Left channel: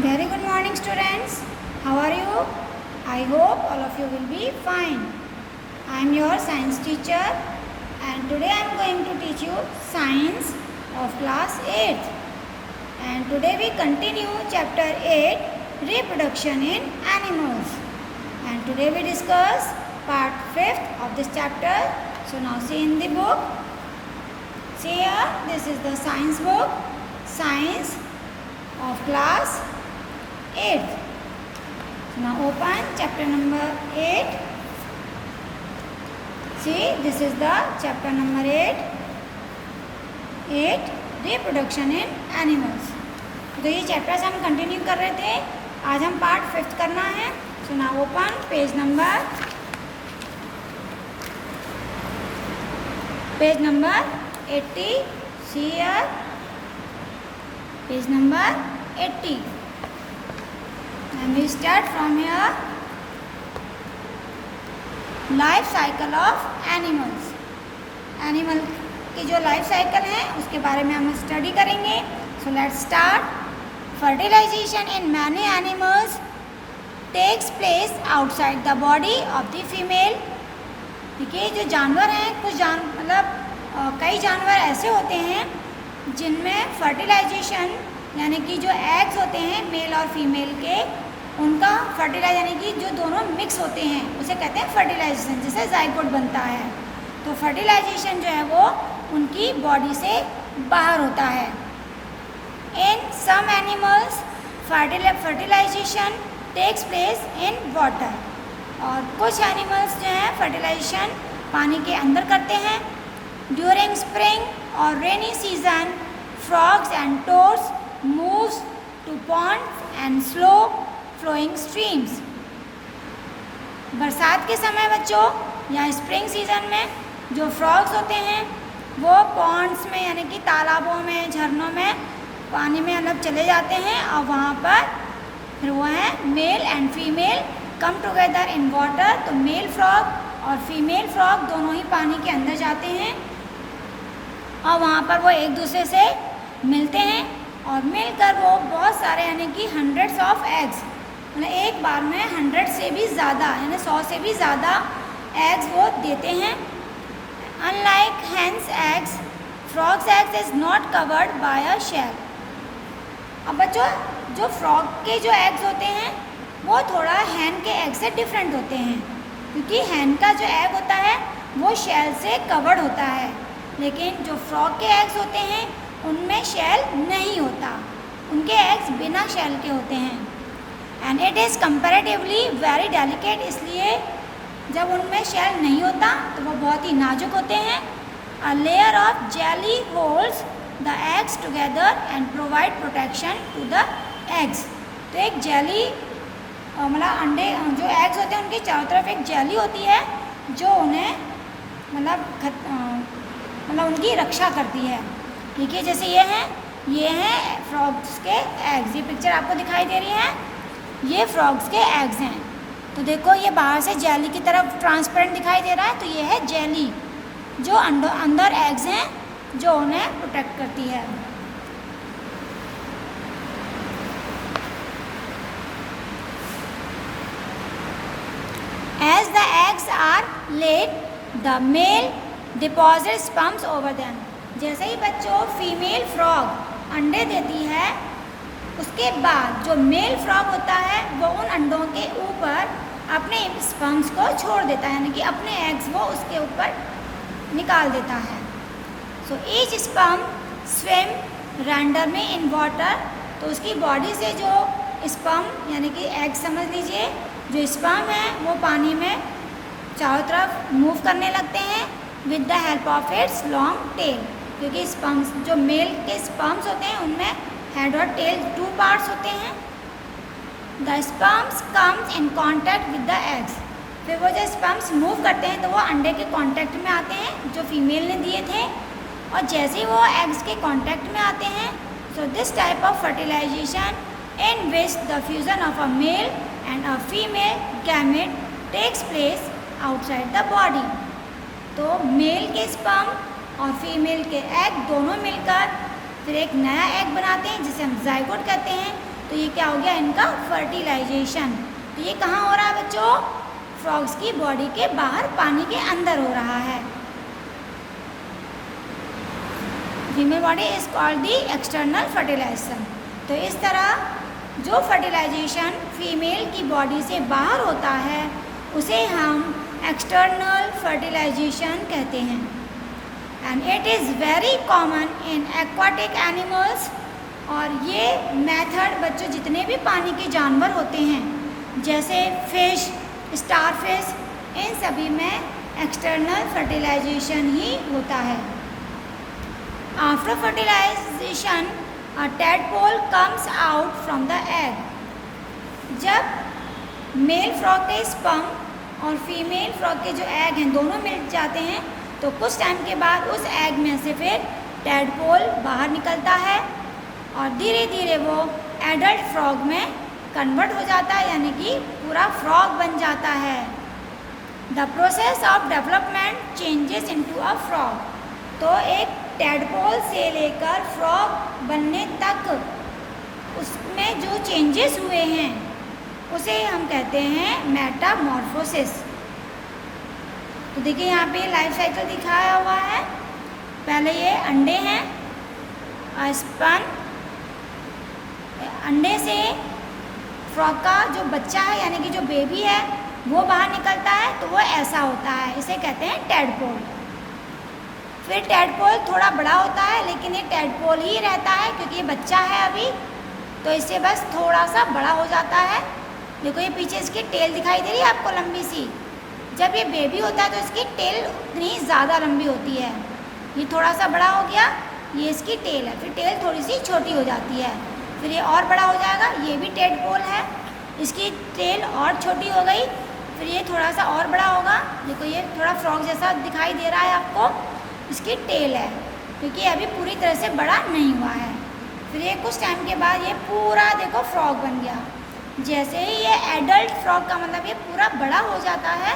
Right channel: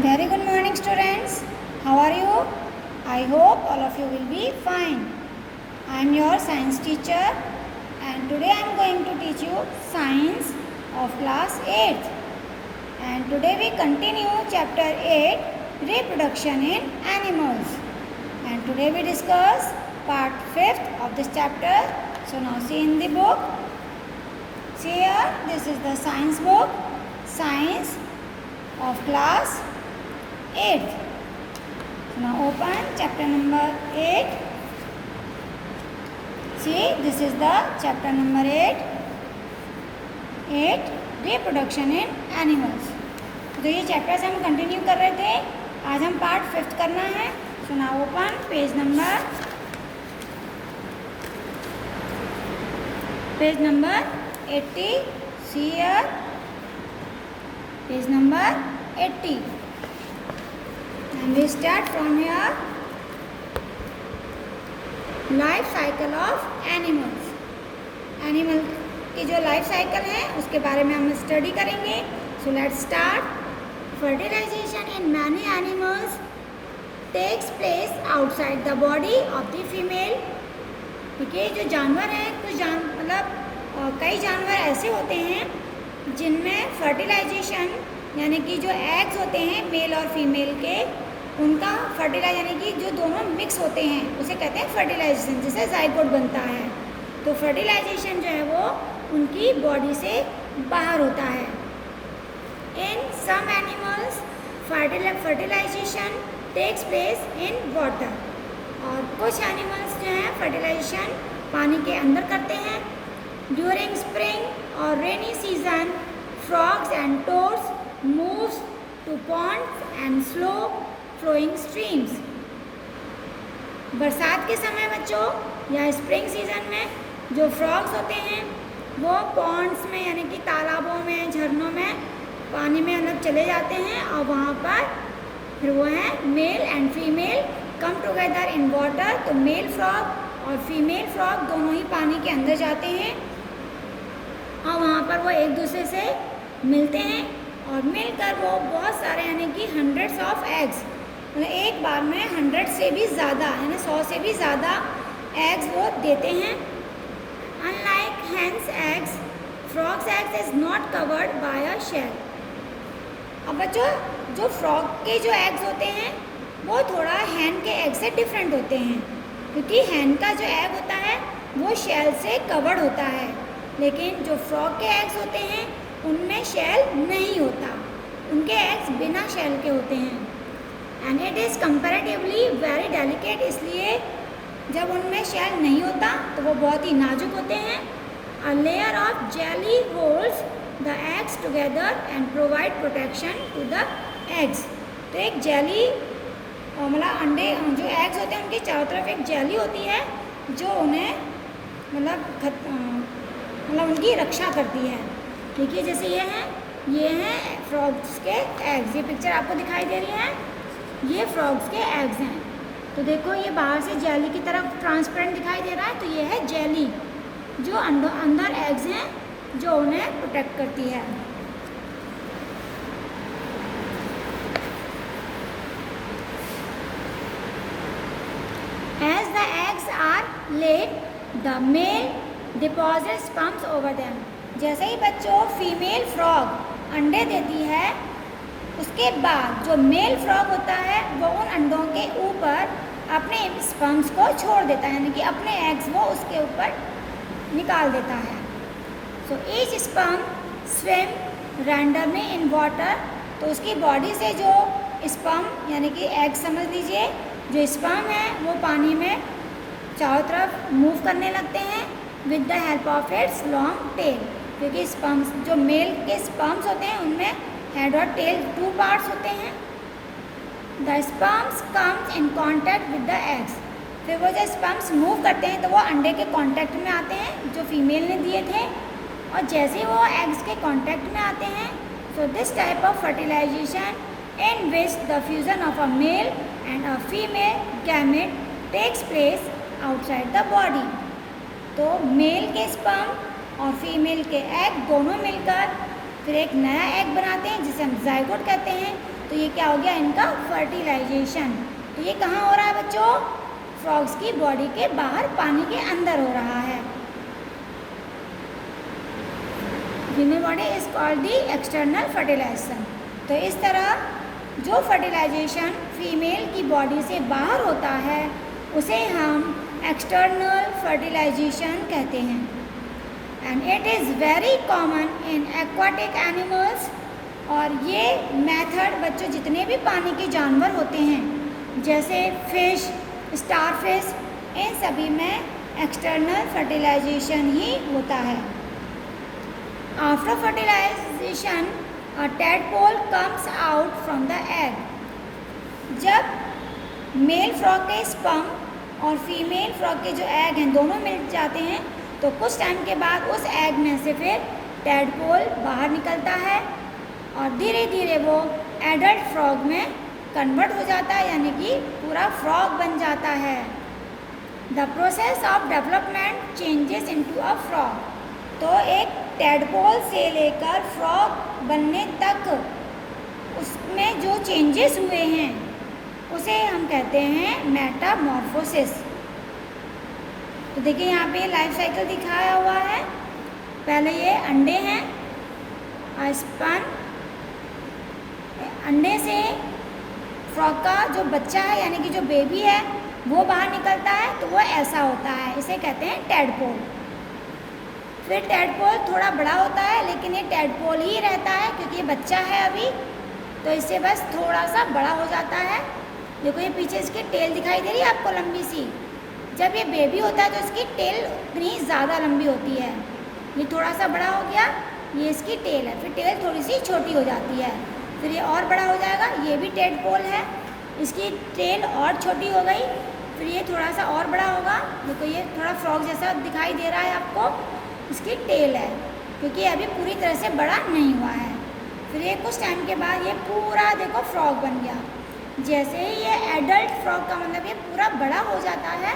Very good morning, students. How are you? I hope all of you will be fine. I am your science teacher and today I am going to teach you science of class 8th. And today we continue chapter 8, reproduction in animals. And today we discuss part 5th of this chapter. So now see in the book. See here, this is the science book, science of class 8th. Now open chapter number 8. See, this is the chapter number 8 reproduction in animals. तो ये chapters हम continue कर रहे थे, आज हम part 5th करना है. So now open page number 80. See here, page number 80. And we start from here. Life cycle of animals. Animal की जो लाइफ साइकिल है उसके बारे में हम स्टडी करेंगे. So let's start. Fertilization in many animals takes place outside the body of the female. देखिए, जो जानवर हैं कुछ कई जानवर ऐसे होते हैं जिनमें फर्टिलाइजेशन यानी कि जो एग्स होते हैं मेल और फीमेल के, उनका फर्टिलाइज यानी कि जो दोनों मिक्स होते हैं उसे कहते हैं फर्टिलाइजेशन, जैसे जाइगोट बनता है. तो फर्टिलाइजेशन जो है वो उनकी बॉडी से बाहर होता है. In some animals fertilization takes place in water. और कुछ एनिमल्स जो हैं फर्टिलाइजेशन पानी के अंदर करते हैं. ड्यूरिंग स्प्रिंग और rainy season frogs and toads moves to ponds and slow flowing streams. बरसात के समय बच्चों या स्प्रिंग सीजन में जो फ्रॉग्स होते हैं वो पॉन्ड्स में यानी कि तालाबों में, झरनों में पानी में चले जाते हैं और वहाँ पर फिर वो हैं male and female come together in water. तो मेल फ्रॉग और फीमेल फ्रॉग दोनों ही पानी के अंदर जाते हैं और वहाँ पर वो एक दूसरे से मिलते हैं और मिलकर वो बहुत सारे यानी कि हंड्रेड्स ऑफ एग्स, मतलब एक बार में 100 से भी ज़्यादा यानी 100 से भी ज़्यादा एग्स वो देते हैं. Unlike hens eggs, frogs eggs is not covered by a shell. अब बच्चों, जो फ्रॉग के जो एग्स होते हैं वो थोड़ा हैन के एग से डिफरेंट होते हैं, क्योंकि हैन का जो एग होता है वो शेल से कवर्ड होता है, लेकिन जो फ्रॉग के एग्स होते हैं उनमें शेल नहीं होता, उनके एग्स बिना शेल के होते हैं. And it is comparatively very delicate. इसलिए जब उनमें शेल नहीं होता तो वो बहुत ही नाजुक होते हैं. A layer of jelly holds the eggs together and provide protection to the eggs. तो एक जेली मतलब अंडे जो एग्स होते हैं उनके चारों तरफ एक जेली होती है जो उन्हें उनकी रक्षा करती है. ठीक है, जैसे ये हैं फ्रॉग्स के एग्स. ये पिक्चर आपको दिखाई दे रही है, ये फ्रॉग्स के एग्स हैं. तो देखो, ये बाहर से जेली की तरफ ट्रांसपेरेंट दिखाई दे रहा है, तो ये है जेली जो अंदर एग्स हैं जो उन्हें प्रोटेक्ट करती है. As the eggs are laid the male deposit sperms over them. जैसे ही बच्चों फीमेल फ्रॉग अंडे देती है, उसके बाद जो मेल फ्रॉग होता है वो उन अंडों के ऊपर अपने स्पर्म्स को छोड़ देता है, यानी कि अपने एग्स वो उसके ऊपर निकाल देता है. So each sperm swim randomly in water. तो उसकी बॉडी से जो स्पर्म यानी कि एग समझ लीजिए, जो स्पर्म है वो पानी में चारों तरफ मूव करने लगते हैं with the help of its long tail. क्योंकि स्पर्म्स जो मेल के स्पर्म्स होते हैं उनमें हेड और टेल 2 पार्ट्स होते हैं. The sperms comes in contact with the eggs. फिर वो जो स्पर्म्स मूव करते हैं तो वो अंडे के कांटेक्ट में आते हैं जो फीमेल ने दिए थे, और जैसे ही वो एग्स के कांटेक्ट में आते हैं, so this type of fertilization in which the fusion of a male and a female gamete takes place outside the body. तो मेल के स्पर्म और फीमेल के एग दोनों मिलकर फिर एक नया एग बनाते हैं जिसे हम जाइगोट कहते हैं. तो ये क्या हो गया इनका फर्टिलाइजेशन। तो ये कहाँ हो रहा है बच्चों, फ्रॉग्स की बॉडी के बाहर पानी के अंदर हो रहा है। Female body is called the external fertilization. तो इस तरह जो फर्टिलाइजेशन फीमेल की बॉडी से बाहर होता है उसे हम एक्सटर्नल फर्टिलाइजेशन कहते हैं। And it is very common in aquatic animals. और ये मेथड बच्चों जितने भी पानी के जानवर होते हैं जैसे फिश, स्टारफिश, इन सभी में एक्सटर्नल फर्टिलाइजेशन ही होता है। After fertilization a tadpole comes out from the egg. जब मेल फ्रॉग के स्पर्म और फीमेल फ्रॉग के जो एग हैं दोनों मिल जाते हैं तो कुछ टाइम के बाद उस एग में से फिर टैडपोल बाहर निकलता है और धीरे धीरे वो एडल्ट फ्रॉग में कन्वर्ट हो जाता है, यानी कि पूरा फ्रॉग बन जाता है। The process of development changes into a frog. तो एक टैडपोल से लेकर फ्रॉग बनने तक उसमें जो चेंजेस हुए हैं उसे हम कहते हैं मेटामॉर्फोसिस। तो देखिए यहाँ पे लाइफ साइकिल दिखाया हुआ है। पहले ये अंडे हैं, स्पर्म, अंडे से फ्रॉग का जो बच्चा है यानी कि जो बेबी है वो बाहर निकलता है, तो वो ऐसा होता है, इसे कहते हैं टैडपोल। फिर टैडपोल थोड़ा बड़ा होता है लेकिन ये टैडपोल ही रहता है क्योंकि ये बच्चा है अभी, तो इससे बस थोड़ा सा बड़ा हो जाता है। देखो ये पीछे इसकी टेल दिखाई दे रही है आपको लंबी सी। जब ये बेबी होता है तो इसकी टेल उतनी ज़्यादा लंबी होती है। ये थोड़ा सा बड़ा हो गया, ये इसकी टेल है, फिर टेल थोड़ी सी छोटी हो जाती है, फिर ये और बड़ा हो जाएगा, ये भी टैडपोल है, इसकी टेल और छोटी हो गई, फिर ये थोड़ा सा और बड़ा होगा। देखो ये थोड़ा फ्रॉग जैसा दिखाई दे रहा है आपको, इसकी टेल है क्योंकि अभी पूरी तरह से बड़ा नहीं हुआ है। फिर ये कुछ टाइम के बाद ये पूरा देखो फ्रॉग बन गया। जैसे ही ये एडल्ट फ्रॉग का मतलब ये पूरा बड़ा हो जाता है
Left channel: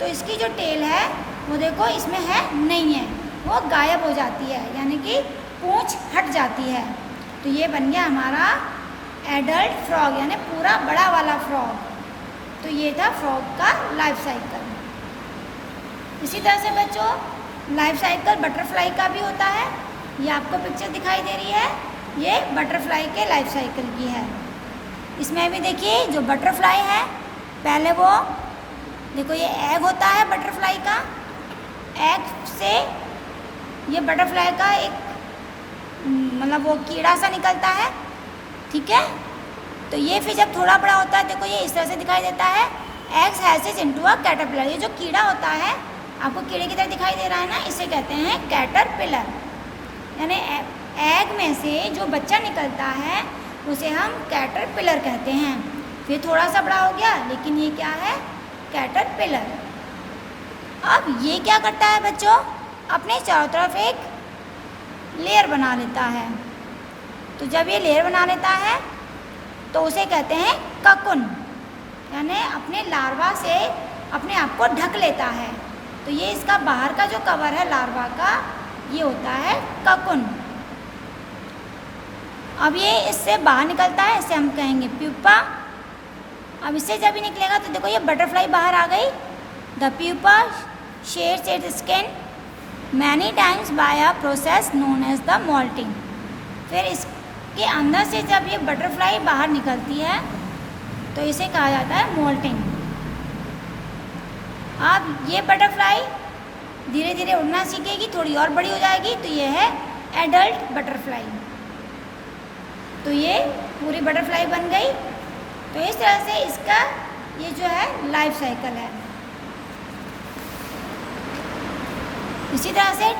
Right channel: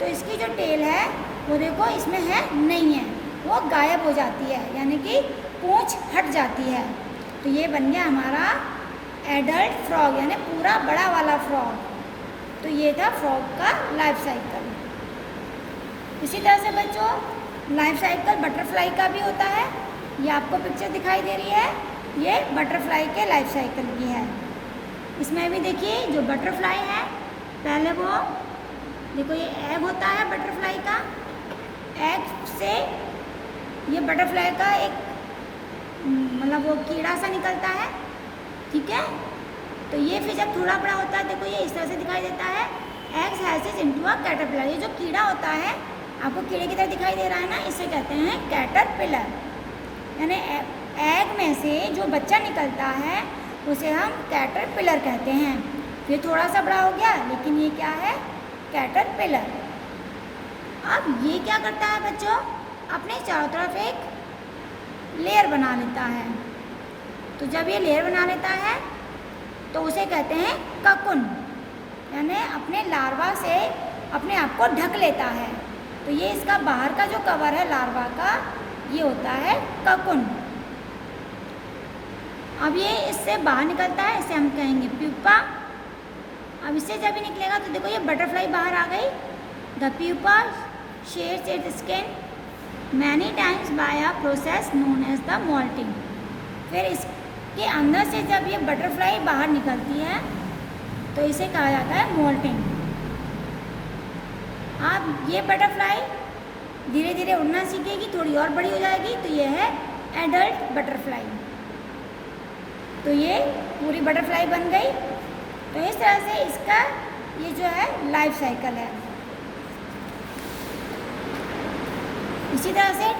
तो इसकी जो टेल है वो देखो इसमें है नहीं है, वो गायब हो जाती है, यानी कि पूंछ हट जाती है। तो ये बन गया हमारा एडल्ट फ्रॉग यानी पूरा बड़ा वाला फ्रॉग। तो ये था फ्रॉग का लाइफ साइकिल। इसी तरह से बच्चों लाइफ साइकिल बटरफ्लाई का भी होता है। ये आपको पिक्चर दिखाई दे रही है, ये बटरफ्लाई के लाइफ साइकिल की है। इसमें भी देखिए जो बटरफ्लाई है, पहले वो देखो ये एग होता है बटरफ्लाई का, एग से ये बटरफ्लाई का एक मतलब वो कीड़ा सा निकलता है, ठीक है। तो ये फिर जब थोड़ा बड़ा होता है देखो ये इस तरह से दिखाई देता है, एग्स हैसेज इनटू अ कैटरपिलर। ये जो कीड़ा होता है आपको कीड़े की तरह दिखाई दे रहा है ना, इसे कहते हैं कैटरपिलर। यानी एग में से जो बच्चा निकलता है उसे हम कैटरपिलर कहते हैं। ये थोड़ा सा बड़ा हो गया लेकिन ये क्या है, कैटरपिलर। अब ये क्या करता है बच्चों, अपने चारों तरफ एक लेयर बना लेता है। तो जब ये लेयर बना लेता है तो उसे कहते हैं ककुन, यानी अपने लार्वा से अपने आप को ढक लेता है। तो ये इसका बाहर का जो कवर है लार्वा का, ये होता है ककुन। अब ये इससे बाहर निकलता है, इसे हम कहेंगे प्यूपा। अब इससे जब भी निकलेगा तो देखो ये बटरफ्लाई बाहर आ गई। The pupa sheds its skin many times by a process known as the molting. फिर इसके अंदर से जब ये बटरफ्लाई बाहर निकलती है तो इसे कहा जाता है मोल्टिंग। अब ये बटरफ्लाई धीरे धीरे उड़ना सीखेगी, थोड़ी और बड़ी हो जाएगी, तो ये है एडल्ट बटरफ्लाई। तो ये पूरी बटरफ्लाई बन गई। तो इस तरह से इसका ये जो है लाइफ साइकिल है। इसी तरह से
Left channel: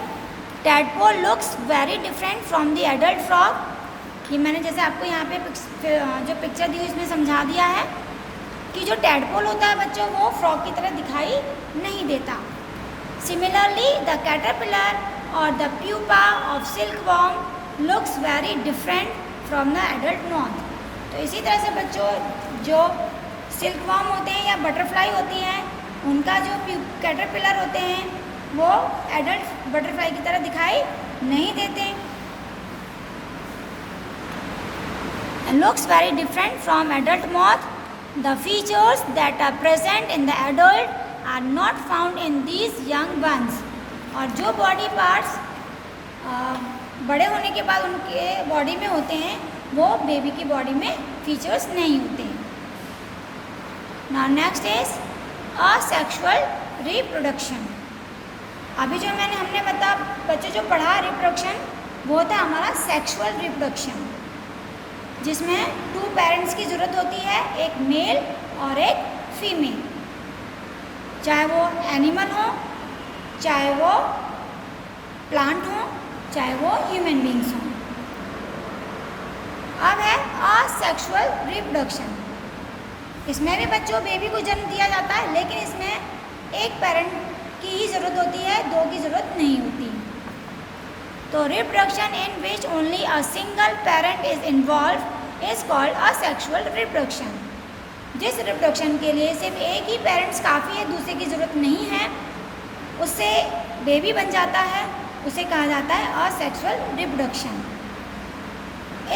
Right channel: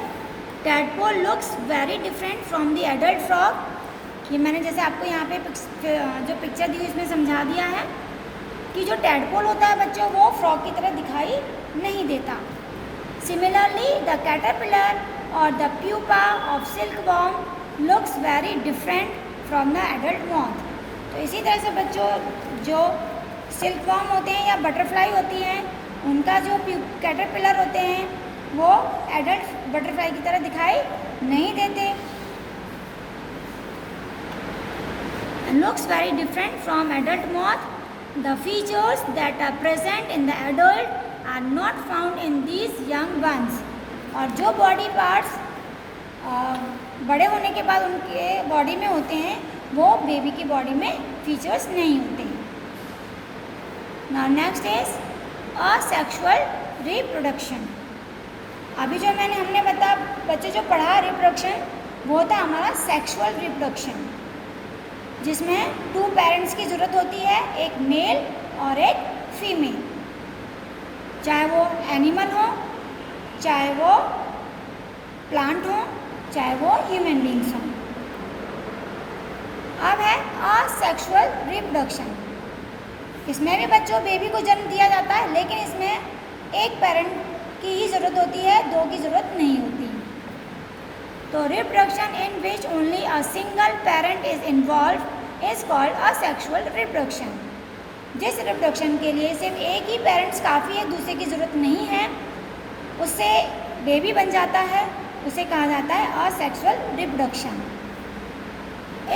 tadpole looks very different from the adult frog. ये मैंने जैसे आपको यहाँ पे जो पिक्चर दी उसमें समझा दिया है कि जो टैडपोल होता है बच्चों वो फ्रॉग की तरह दिखाई नहीं देता। सिमिलरली द कैटरपिलर और the pupa of silkworm looks very different from the adult moth. तो इसी तरह से बच्चों जो सिल्कवॉर्म होते हैं या बटरफ्लाई होती हैं उनका जो कैटरपिलर होते हैं वो एडल्ट बटरफ्लाई की तरह दिखाई नहीं देते। and looks very different from adult moth. The features that are present in the adult are not found in these young ones. और जो बॉडी पार्ट्स बड़े होने के बाद उनके बॉडी में होते हैं वो बेबी की बॉडी में फीचर्स नहीं होते हैं. Now next is asexual reproduction. अभी जो हमने बच्चे जो पढ़ा रिप्रोडक्शन वो था हमारा सेक्सुअल रिप्रोडक्शन, जिसमें 2 पेरेंट्स की ज़रूरत होती है, एक मेल और एक फीमेल, चाहे वो एनिमल हो, चाहे वो प्लांट हो, चाहे वो ह्यूमन बींग्स हो. अब है असेक्सुअल रिप्रोडक्शन. इसमें भी बच्चों बेबी को जन्म दिया जाता है, लेकिन इसमें एक पेरेंट की ही ज़रूरत होती है, 2 की ज़रूरत नहीं होती. तो reproduction in which only a single parent is involve is called asexual reproduction. जिस रिप्रोडक्शन के लिए सिर्फ एक ही पेरेंट्स काफ़ी है, दूसरे की ज़रूरत नहीं है, उससे बेबी बन जाता है, उसे कहा जाता है असेक्सुअल रिप्रोडक्शन.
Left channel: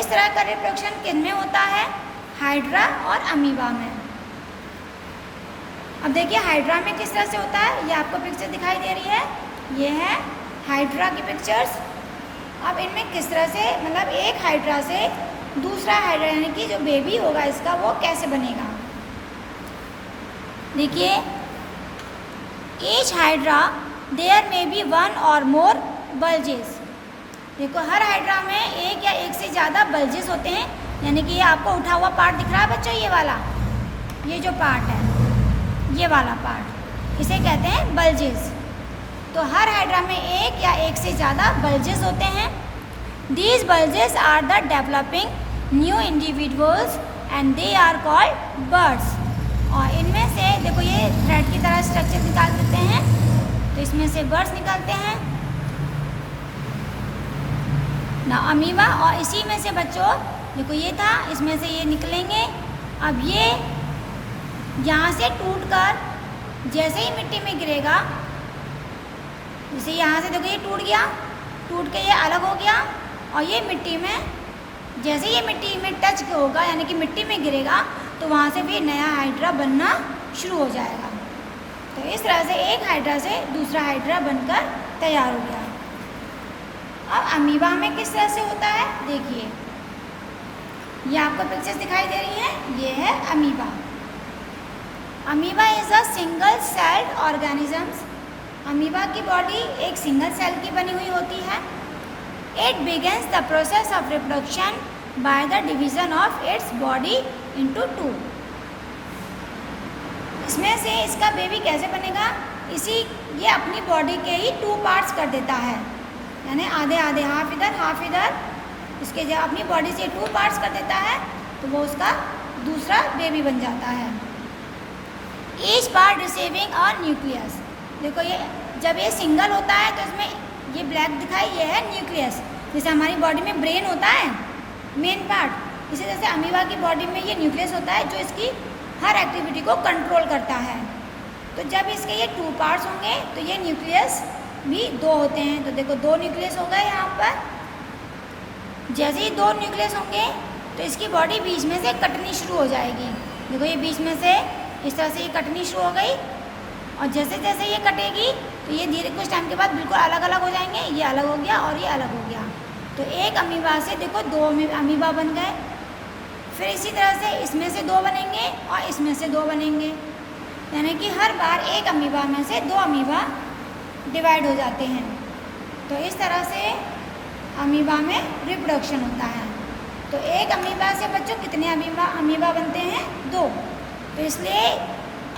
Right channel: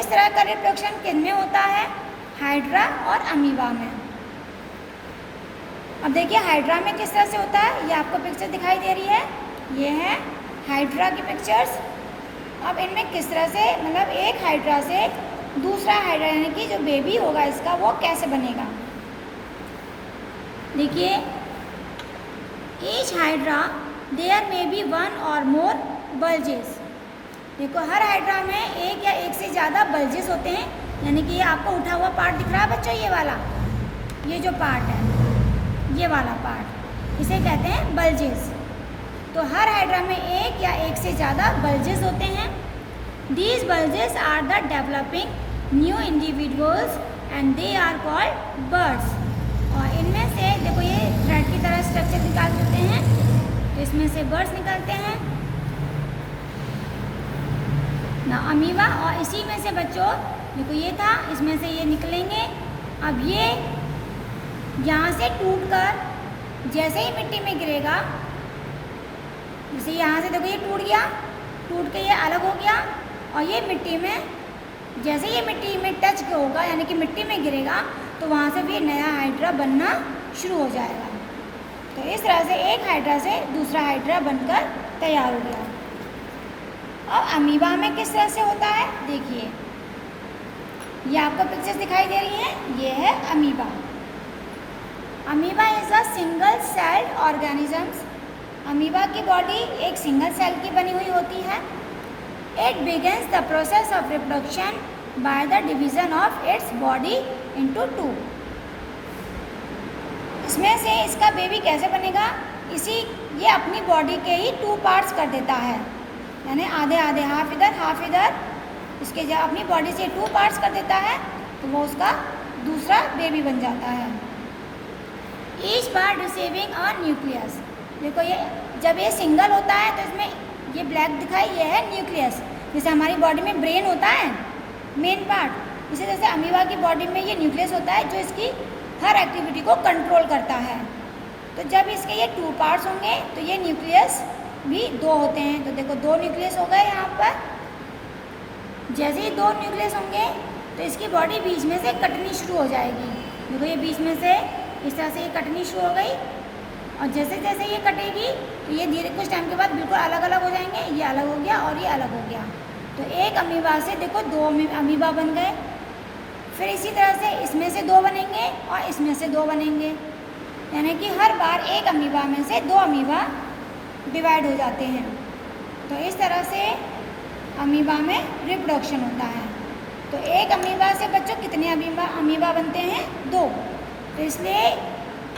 इस तरह का रिप्रोडक्शन किसमें होता है? हाइड्रा और अमीबा में. अब देखिए हाइड्रा में किस तरह से होता है, ये आपको पिक्चर दिखाई दे रही है, ये है हाइड्रा की पिक्चर्स. अब इनमें किस तरह से मतलब एक हाइड्रा से दूसरा हाइड्रा यानी कि जो बेबी होगा इसका वो कैसे बनेगा. देखिए each hydra there may be 1 और मोर बल्जेस. देखो हर हाइड्रा में एक या एक से ज़्यादा बल्जेस होते हैं, यानी कि ये आपको उठा हुआ पार्ट दिख रहा है बच्चों, ये वाला, ये जो पार्ट है, ये वाला पार्ट, इसे कहते हैं बल्जेस. तो हर हाइड्रा में एक या एक से ज़्यादा बल्जेस होते हैं. These bulges are the developing new individuals and they are called birds. और इनमें से देखो ये थ्रेड की तरह स्ट्रक्चर निकाल देते हैं, तो इसमें से बर्ड्स निकलते हैं ना, अमीबा. और इसी में से बच्चों देखो ये था, इसमें से ये निकलेंगे. अब ये यहाँ से टूटकर जैसे ही मिट्टी में गिरेगा, जैसे यहाँ से देखो ये टूट गया, टूट के ये अलग हो गया, और ये मिट्टी में जैसे ये मिट्टी में टच होगा यानी कि मिट्टी में गिरेगा, तो वहाँ से भी नया हाइड्रा बनना शुरू हो जाएगा. तो इस तरह से एक हाइड्रा से दूसरा हाइड्रा बनकर तैयार हो गया. अब अमीबा में किस तरह से होता है, देखिए ये आपको पिक्चर्स दिखाई दे रही हैं, ये है amoeba. Amoeba is a single celled organisms. Amoeba की बॉडी एक सिंगल सेल की बनी हुई होती है. It begins the process of reproduction by the division of its body into 2. इसमें से इसका बेबी कैसे बनेगा, ये अपनी बॉडी के ही 2 पार्ट्स कर देता है, यानी आधे आधे, हाफ इधर, इसके जब अपनी बॉडी से 2 पार्ट्स कर देता है तो वो उसका दूसरा बेबी बन जाता है. Each part receiving a nucleus. देखो ये जब ये सिंगल होता है तो इसमें ये ब्लैक दिखाई, ये है न्यूक्लियस. जैसे हमारी बॉडी में ब्रेन होता है मेन पार्ट, इसी तरह से अमीबा की बॉडी में ये न्यूक्लियस होता है जो इसकी हर एक्टिविटी को कंट्रोल करता है. तो जब इसके ये 2 पार्ट्स होंगे तो ये न्यूक्लियस भी 2 होते हैं. तो देखो 2 न्यूक्लियस हो गए यहाँ पर. जैसे ही 2 न्यूक्लियस होंगे तो इसकी बॉडी बीच में से कटनी शुरू हो जाएगी. देखो ये बीच में से इस तरह से ये कटनी शुरू हो गई, और जैसे जैसे ये कटेगी तो ये धीरे कुछ टाइम के बाद बिल्कुल अलग अलग हो जाएंगे. ये अलग हो गया और ये अलग हो गया. तो एक अमीबा से देखो 2 अमीबा बन गए. फिर इसी तरह से इसमें से 2 बनेंगे और इसमें से 2 बनेंगे, यानी कि हर बार एक अमीबा में से 2 अमीबा डिवाइड हो जाते हैं. तो इस तरह से अमीबा में रिप्रोडक्शन होता है. तो एक अमीबा से बच्चों कितने अमीबा बनते हैं? 2. तो इसलिए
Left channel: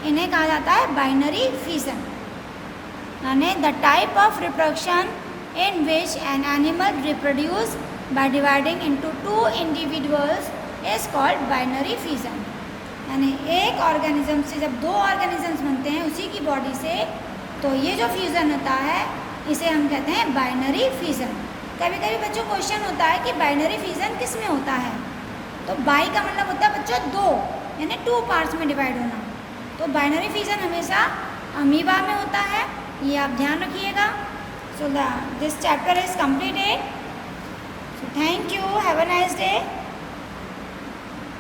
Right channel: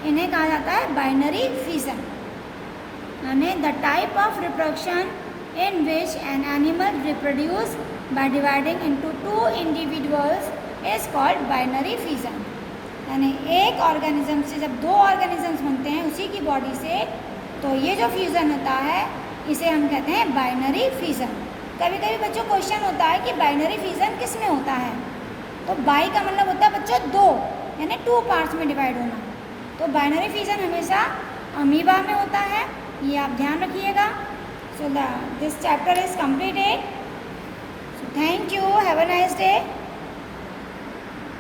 इन्हें कहा जाता है बाइनरी फिजन, यानी the type of reproduction in which an animal reproduce by dividing into 2 individuals is called binary fission. यानी एक ऑर्गेनिज्म से जब 2 ऑर्गेनिजम्स बनते हैं उसी की बॉडी से, तो ये जो फ्यूज़न होता है इसे हम कहते हैं बाइनरी फिजन. कभी कभी बच्चों क्वेश्चन होता है कि बाइनरी फिजन किस में होता है. तो बाई का मतलब होता है बच्चों 2, यानी 2 पार्ट्स में डिवाइड होना. तो बाइनरी फिजन हमेशा अमीबा में होता है, ये आप ध्यान रखिएगा. So this chapter is completed. So thank you, have a nice day.